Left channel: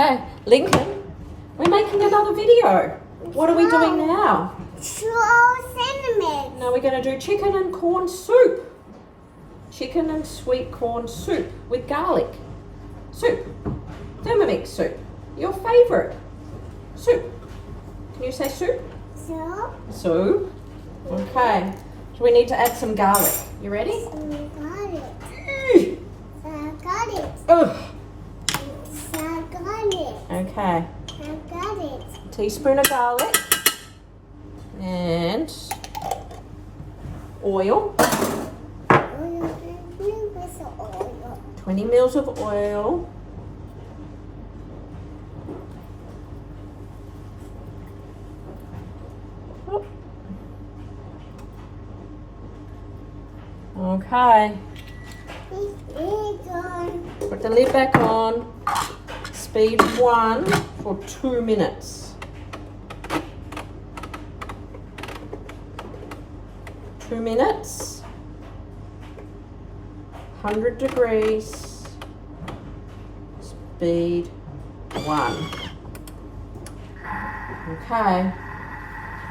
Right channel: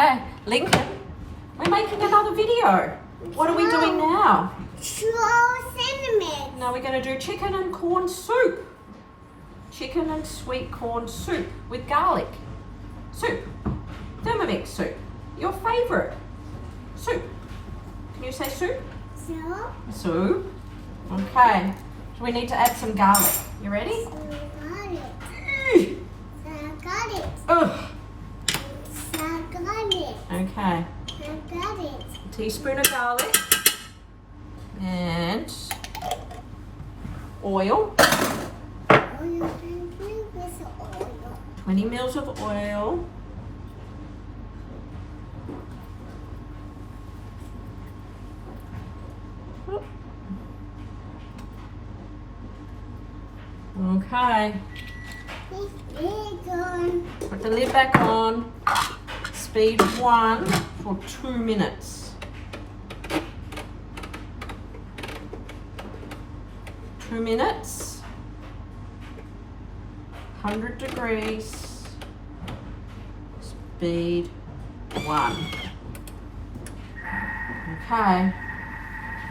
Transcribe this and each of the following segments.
Okay, Lincoln, we're making another video. What are we doing now? Cinnamon. Now we're going to do chicken and corn soup. Chicken and sweet corn soup with garlic. Soup. Thermomix soup. Your favourite. Soup. Can you say soup? Soup. Soup. Okay. So we need to add some garlic. You ready? Garlic. Garlic. Ugh. Garlic. Okay. Garlic. A teaspoon of garlic. And oil. 20 mils of oil. Oh. Okay. Put the lid back on. Speed 1 for 2 minutes. 2 minutes. 100 degrees. Speed 1. Okay.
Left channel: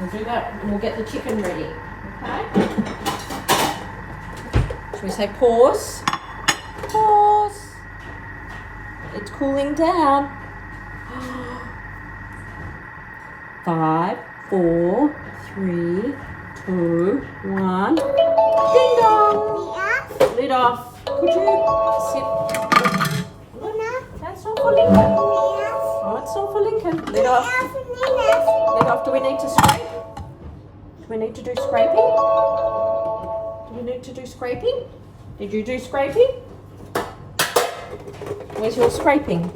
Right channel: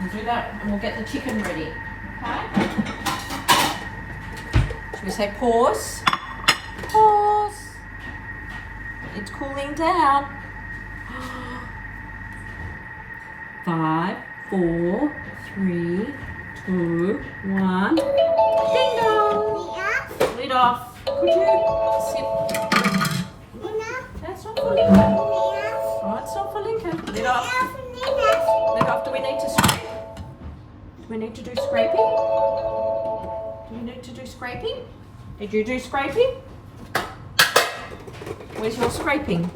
We'll do that and we'll get the chicken ready. Okay? Should we say pause? Pause. It's cooling down. 5, 4, 3, 2, 1. Ding dong. Lid off. Could you sit? That's not for Lincoln. Oh, it's not for Lincoln. Lid off. Lid off. Do we need to scrape? Do we need to do scraping? Do we need to do scraping? Did you do scraping? Where's your scraping?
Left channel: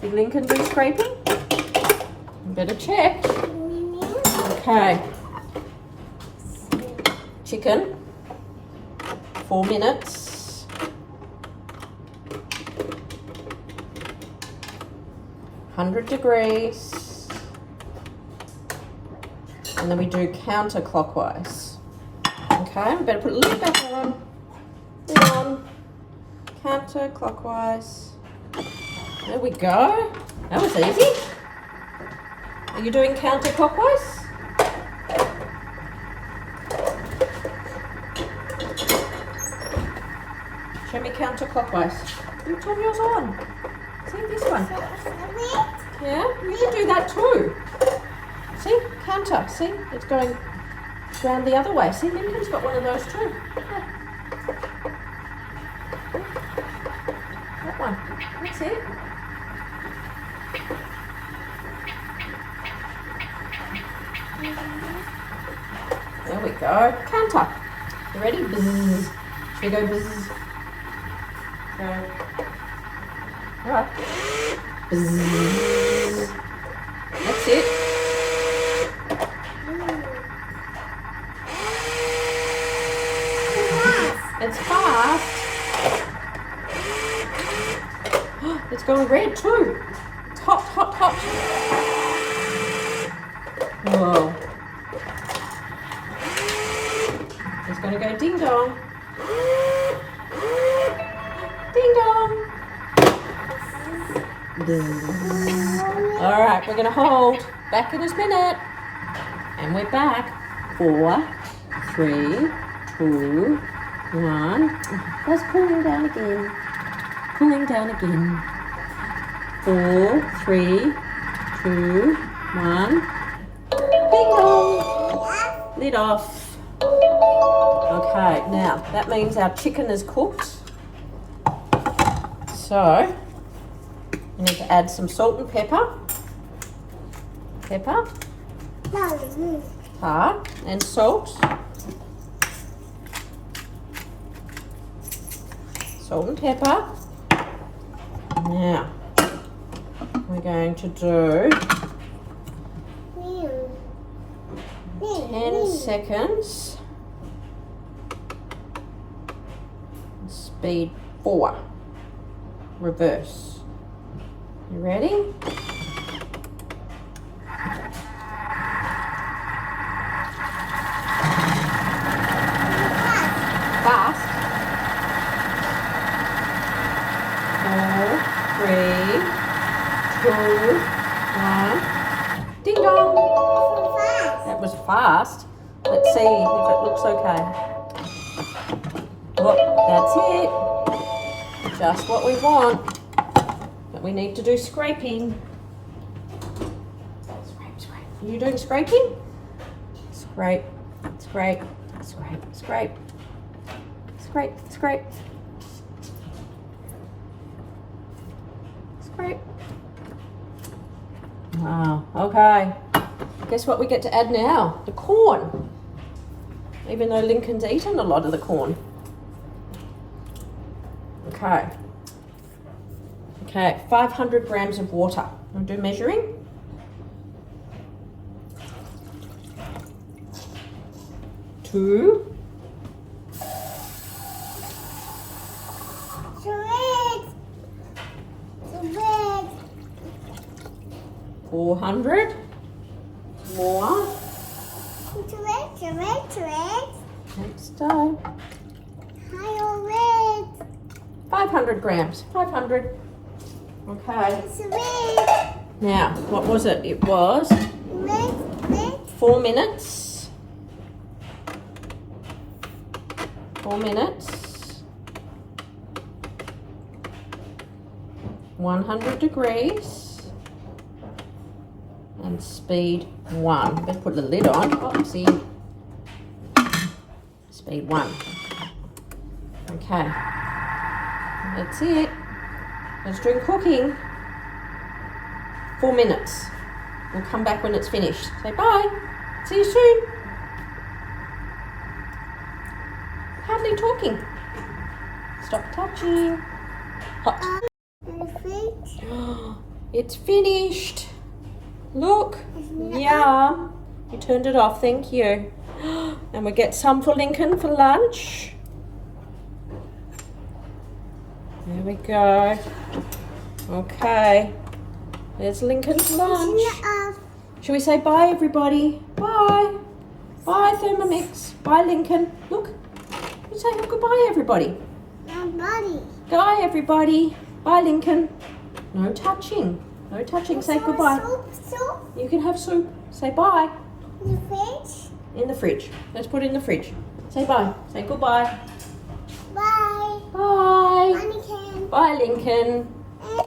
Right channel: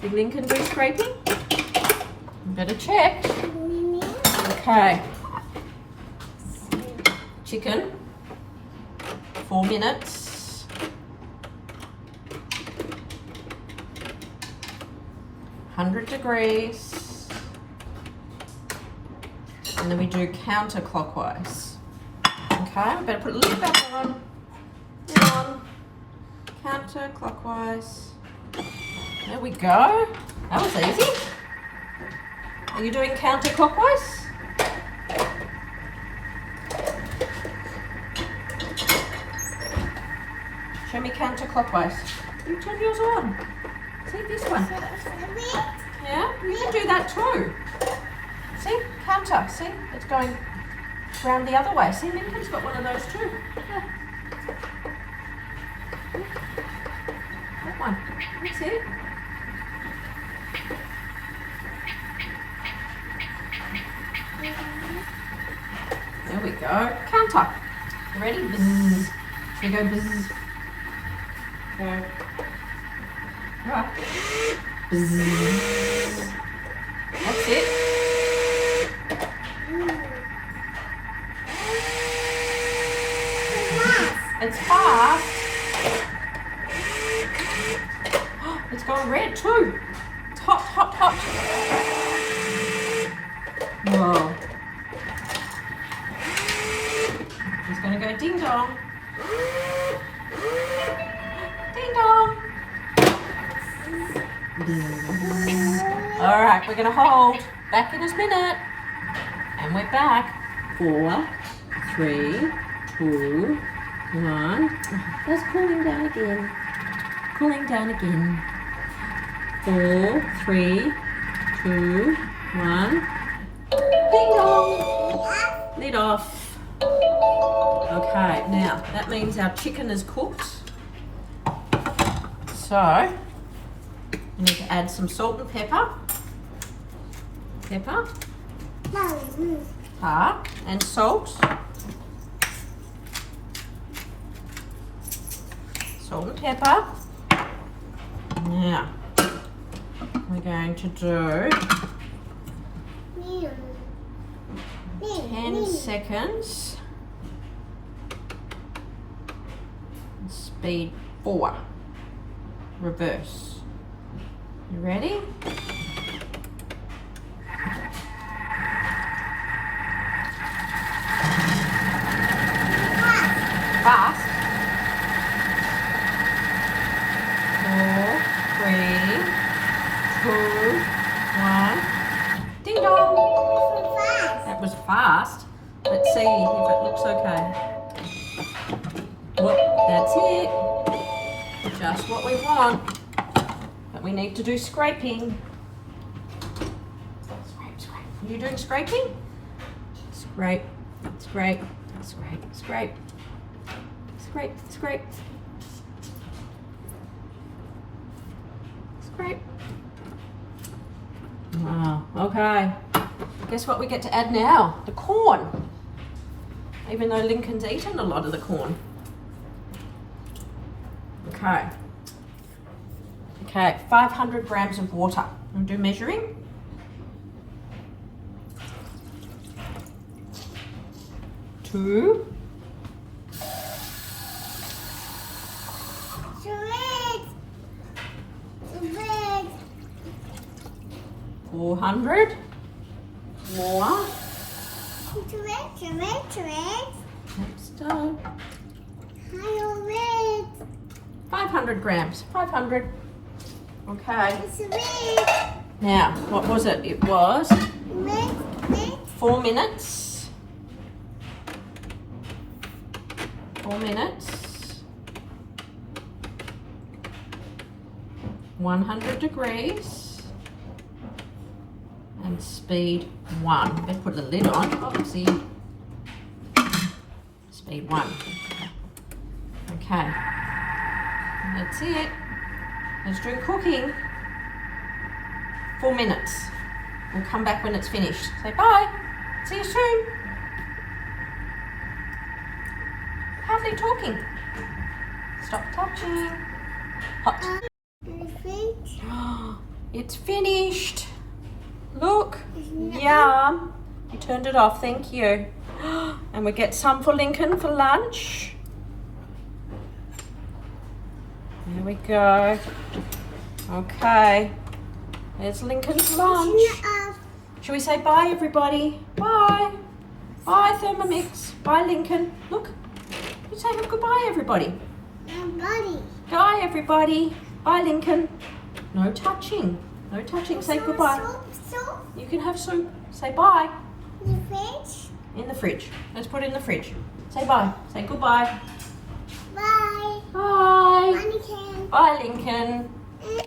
Did Lincoln do scraping? Better check. Okay. Chicken. 4 minutes. 100 degrees. And then we do counterclockwise. Okay, we better put the lid back on. On. Counterclockwise. There we go. That was easy. Are you doing counterclockwise? Show me counterclockwise. You turn yours on. See this one. Yeah, you can do that too. See, counter. See, it's going round the other way. See, Lincoln's got one of those too. Yeah. That one. That's it. There we go. Counter. You ready? Bzzz. Should we go bzzz? Go. Alright. Bzzz. That's it. It's fast. It's going red too. It's hot, hot, hot. Whoa. It's going to go ding dong. Ding dong. All right, we're going to hold. Back in a minute. And we're back. 4, 3, 2, 1. That's cooling down again. Cooling down again. 4, 3, 2, 1. Ding dong. Lid off. Okay, now that means our chicken is cooked. So we need to add some salt and pepper. Pepper. And salt. Salt and pepper. Now we're going to do 10 seconds. Speed 4. Reverse. You ready? Fast. fast. Let's see if it looks okay. Well, that's it. Just what we want. But we need to do scraping. Scrape, scrape. Are you doing scraping? Scrape, scrape, scrape, scrape. Scrape, scrape. Scrape. Wow, okay. Guess what we get to add now? The corn. Even though Lincoln's eaten a lot of the corn. Okay. Okay, 500 grams of water. I'll do measuring. 2. Sweet. Sweet. 400. More. Sweet. Next done. 500 grams. 500. Okay. Sweet. Now, what was it? It was Sweet. 4 minutes. 4 minutes. 100 degrees. And speed 1. Better put the lid on. Oopsie. Speed 1. Okay. That's it. Let's do cooking. 4 minutes. We'll come back when it's finished. Say bye. See you soon. Hardly talking. Stop touching. Hot. It's finished. Look. Yum. You turned it off. Thank you. And we get some for Lincoln for lunch. There we go. Okay. There's Lincoln's lunch. Shall we say bye, everybody? Bye. Bye, Thermomix. Bye, Lincoln. Look. You say goodbye, everybody. Bye, everybody. Bye, Lincoln. No touching. No touching. Say goodbye. Soup. You can have soup. Say bye. The fridge. In the fridge. Let's put it in the fridge. Say bye. Say goodbye. Bye. Bye. Mannequin. Bye, Lincoln.